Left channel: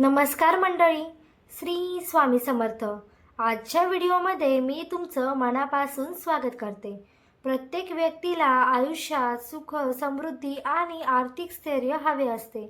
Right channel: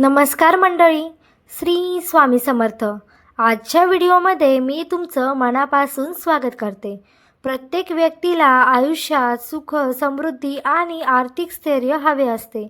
नमस्कार मंडळी, श्री स्वामी समर्थ. आजच्या व्हिडिओमध्ये मी तुमचं मनापासून स्वागत करते. प्रत्येक व्यक्तीला आयुष्यात सुख, समृद्धी आणि आर्थिक स्थैर्य हवे असते.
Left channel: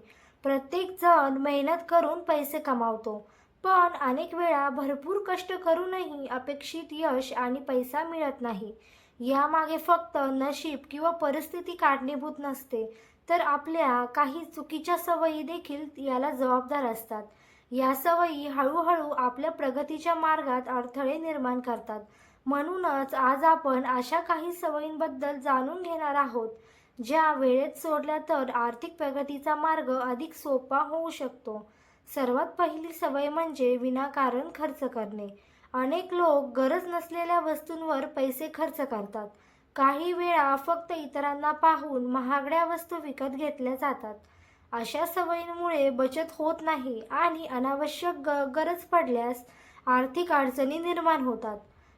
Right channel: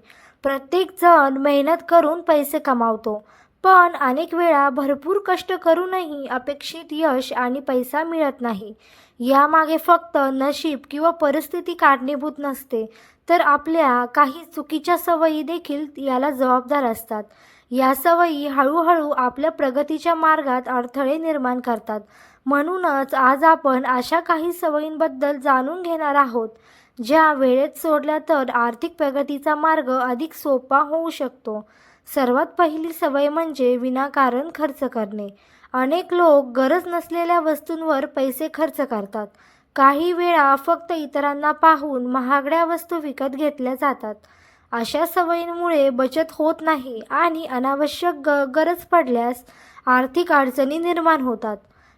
प्रत्येक जण मेहनत करून पैसे कमावतो, पण अनेक वेळा भरपूर कष्ट करूनही अपेक्षित यश आणि पैसा मिळत नाही. यामागे फक्त नशीब किंवा परिस्थिती कारणीभूत नसते, तर आपल्या काही चुकीच्या सवयी देखील याला जबाबदार असतात. या सवयी हळूहळू आपल्या प्रगतीच्या मार्गात अडथळे निर्माण करतात. म्हणूनच आज आपण अशा काही सवयींबद्दल जाणून घेणार आहोत, ज्या वेळेत सोडल्या तर आर्थिक प्रगतीचा मार्ग अधिक सोपा होऊ शकतो. सर्वात पहिली सवय म्हणजे विनाकारण खर्च करणे. अनेक लोक गरज नसलेल्या वस्तूंवर पैसे खर्च करतात. काही वेळा फक्त इतरांना पाहून महागड्या वस्तू विकत घेतल्या जातात. अशा सवयींमुळे बचत होत नाही आणि अनावश्यक गरज पडल्यास आर्थिक अडचणी निर्माण होतात.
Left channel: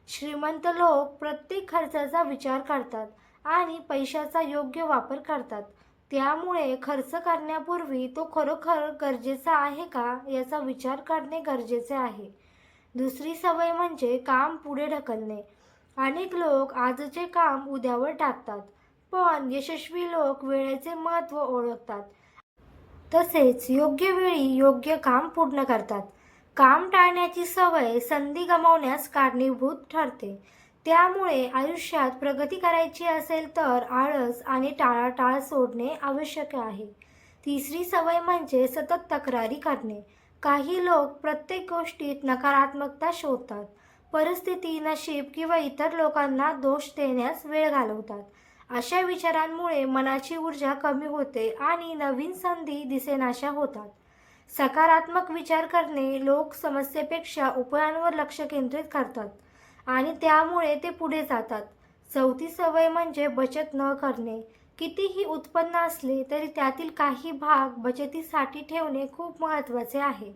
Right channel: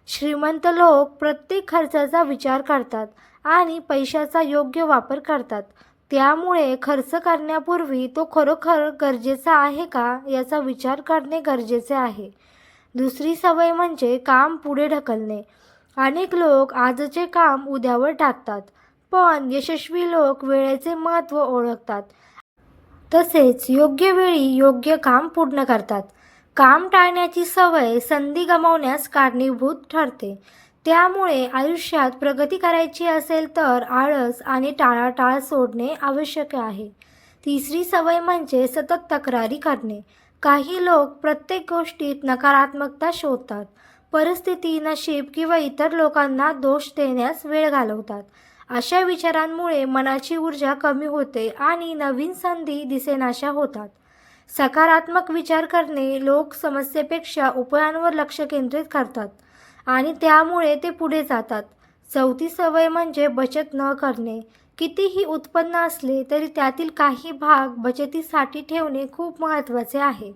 श्रीमंत लोक प्रत्येक खर्चाचा विचार करतात आणि पैशाचा योग्य वापर करतात. त्यामुळे खर्च करण्यापूर्वी तो खरोखर गरजेचा आहे का याचा विचार करणे गरजेचे आहे. दुसरी सवय म्हणजे काम पुढे ढकलणे. अनेक लोक आजचे काम उद्यावर टाकतात, पण यशस्वी लोक वेळेचे महत्त्व ओळखतात. तसेच योग्य वेळी योग्य काम पूर्ण करतात. काम टाळण्याची सवय संधी गमावण्यास कारणीभूत ठरते. त्यामुळे आयुष्यात प्रगती करायची असेल तर आळस आणि टाळाटाळ सोडणे आवश्यक आहे. तिसरी सवय म्हणजे सतत तक्रारी करणे. काही लोक प्रत्येक गोष्टीत नकारात्मकता शोधतात. परिस्थिती, नशीब किंवा इतर लोकांना दोष देण्यास वेळ घालवतात. अशा विचारांमुळे मनाची ऊर्जा कमी होते आणि नवीन संधी दिसेनाशा होतात. सकारात्मक विचार करणे लोक समस्येपेक्षा उपायांवर लक्ष केंद्रित करतात आणि त्यामुळे ते पुढे जातात. चौथी सवय म्हणजे बचत न करणे. कितीही उत्पन्न असले तरी त्यातील काही भाग बचतीसाठी ठेवणे खूप महत्त्वाचे आहे.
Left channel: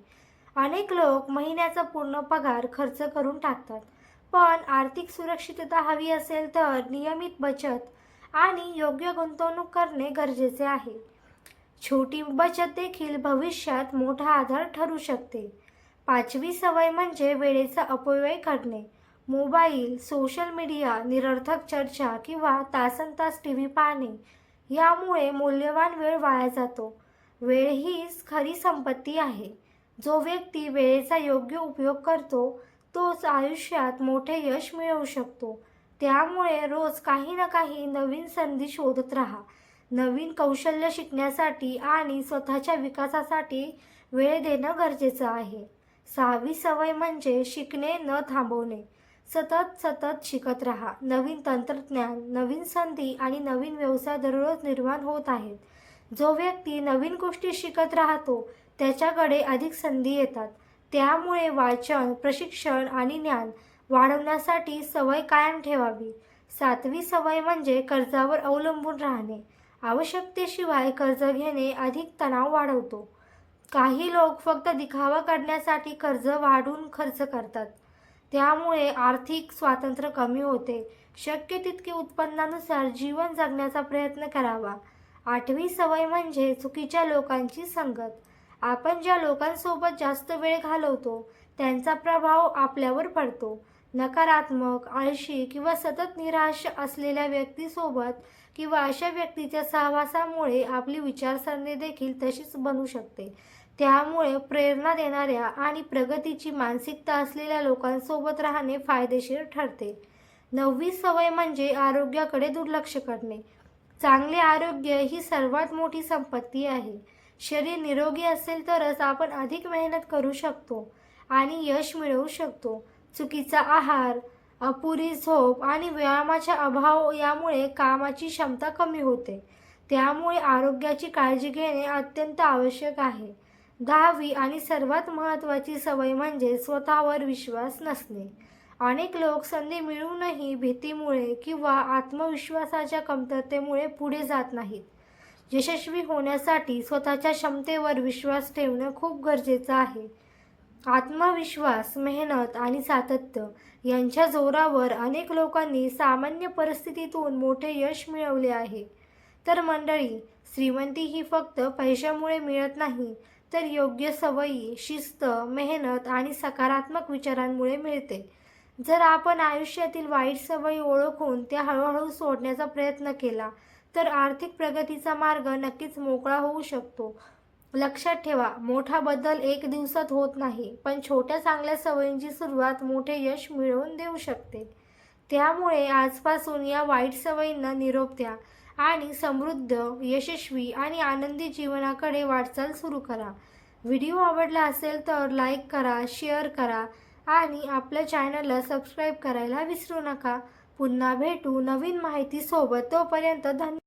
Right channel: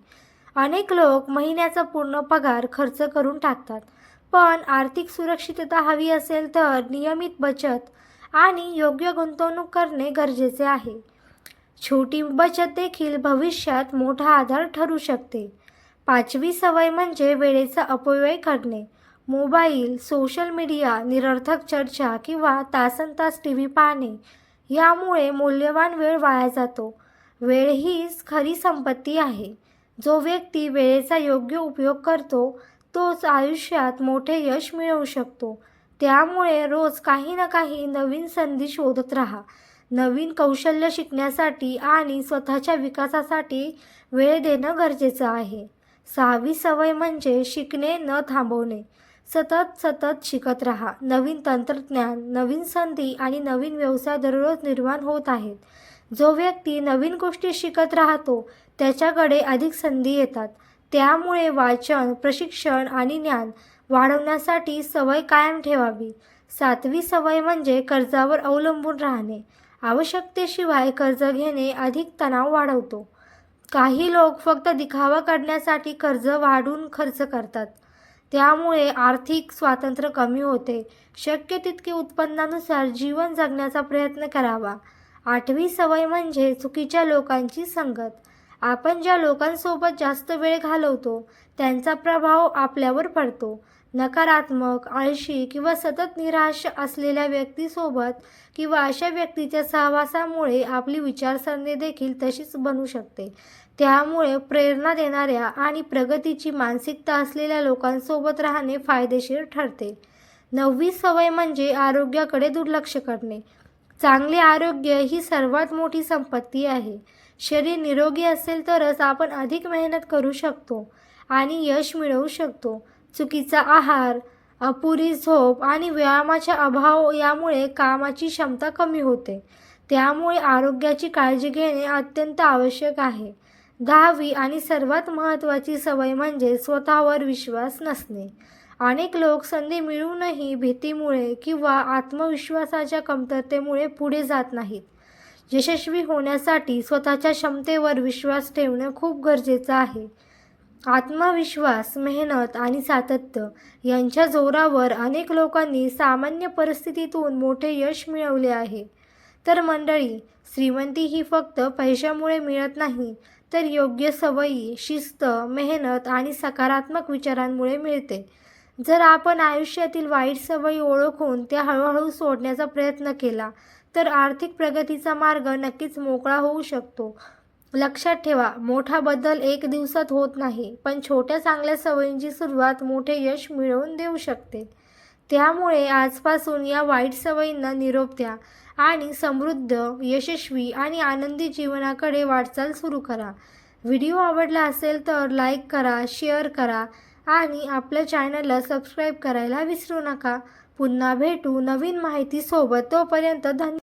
अनेक लोक महिन्याचा पूर्ण पगार खर्च करून टाकतात, पण आर्थिक सुरक्षितता हवी असेल तर नियमित बचत आणि योग्य गुंतवणूक करणे गरजेचे आहे. छोटी बचत देखील भविष्यात मोठा आधार ठरू शकते. पाचवी सवय म्हणजे वेळेचा अपव्यय करणे. मोबाईल, सोशल मीडिया, निरर्थक चर्चा किंवा तासनतास टी व्ही पाहणे यामुळे मौल्यवान वेळ वाया जातो. वेळ हीच खरी संपत्ती आहे. जो व्यक्ती वेळेचा योग्य उपयोग करतो तोच आयुष्यात मोठे यश मिळवू शकतो. त्यामुळे रोज काही ना काही नवीन संधी शोधत राहा. नवीन कौशल्य शिकण्यासाठी आणि स्वतःच्या विकासासाठी वेळ देणं गरजेचं आहे. सहावी सवय म्हणजे शिकणे न थांबवणे. सतत शिकत राहा. नवीन तंत्रज्ञान, नवीन संधी आणि नवीन व्यवसाय दररोज निर्माण होत आहेत. जो व्यक्ती नवीन गोष्टी शिकत राहतो त्याच्याकडे अधिक संधी येतात. त्यामुळे वाचन, प्रशिक्षण आणि ज्ञान वाढवण्यासाठी सवय कायम ठेवावी. सातवी सवय म्हणजे कर्जावर अवलंबून राहणे. आवश्यकतेशिवाय कर्ज घेणे अधिक तणाव वाढवतो. काही लोक फक्त दिखावा करण्यासाठी कर्ज वाढवून खर्च करतात. त्यामुळे आर्थिक स्वातंत्र्य कमी होते. शक्य तितके उत्पन्नानुसार जीवन जगण्याचा प्रयत्न करावा. आठवी सवय म्हणजे चुकीच्या लोकांची संगत. आपण ज्या लोकांसोबत जास्त वेळ घालवतो त्यांचा प्रभाव आपल्यावर पडतो. नकारात्मक, आळशी किंवा सतत निराश असलेल्या व्यक्तीसोबत किंवा अशा व्यक्तीच्या सहवासामुळे आपली विचारसरणी देखील तशीच बनू शकते. त्यामुळे प्रेरणा देणाऱ्या आणि प्रगतीची मानसिकता असलेल्या लोकांसोबत राहणे फायदेशीर ठरते. नववी सवय म्हणजे आरोग्याकडे दुर्लक्ष करणे. चांगले आरोग्य ही सर्वात मोठी संपत्ती आहे. शरीर निरोगी असेल तरच आपण अधिक मेहनत करू शकतो आणि यश मिळवू शकतो. चुकीचा आहार, अपुरी झोप आणि व्यायामाचा अभाव यामुळे कामाची क्षमता कमी होते. त्यामुळे आरोग्याची काळजी घेणे अत्यंत आवश्यक आहे. 10वी आणि सर्वात महत्त्वाची सवय म्हणजे स्वतःवर विश्वास नसणे. अनेक लोक संधी मिळूनही भीतीमुळे किंवा आत्मविश्वासाच्या कमतरतेमुळे पुढे जात नाहीत. यशस्वी होण्यासाठी स्वतःच्या क्षमतेवर विश्वास ठेवणे खूप गरजेचं आहे. आत्मविश्वास, मेहनत आणि सातत्य यांच्या जोरावर अनेक लोकांनी सामान्य परिस्थितीतून मोठे यश मिळवले आहे. तर मंडळी, श्रीमंती ही फक्त पैशामुळे मिळत नाही, तर योग्य सवयी, शिस्त, मेहनत आणि सकारात्मक विचारांमुळे मिळते. जर आपण आयुष्यातील वाईट सवयी ओळखून त्या हळूहळू सोडण्याचा प्रयत्न केला, तर आर्थिक प्रगतीचा मार्ग नक्कीच मोकळा होऊ शकतो. लक्षात ठेवा, मोठा बदल एक दिवसात होत नाही, पण छोट्या चांगल्या सवयींची सुरुवात मोठे यश मिळवून देऊ शकते. त्यामुळे आजपासून या वाईट सवयींना निरोप द्या आणि समृद्ध, यशस्वी आणि आनंदी जीवनाकडे वाटचाल सुरू करा. व्हिडिओ आवडला असेल तर लाईक करा, शेअर करा आणि आपल्या चॅनलला सबस्क्राईब करायला विसरू नका. पुन्हा भेटू नवीन माहितीसोबत. तोपर्यंत धन्यवाद.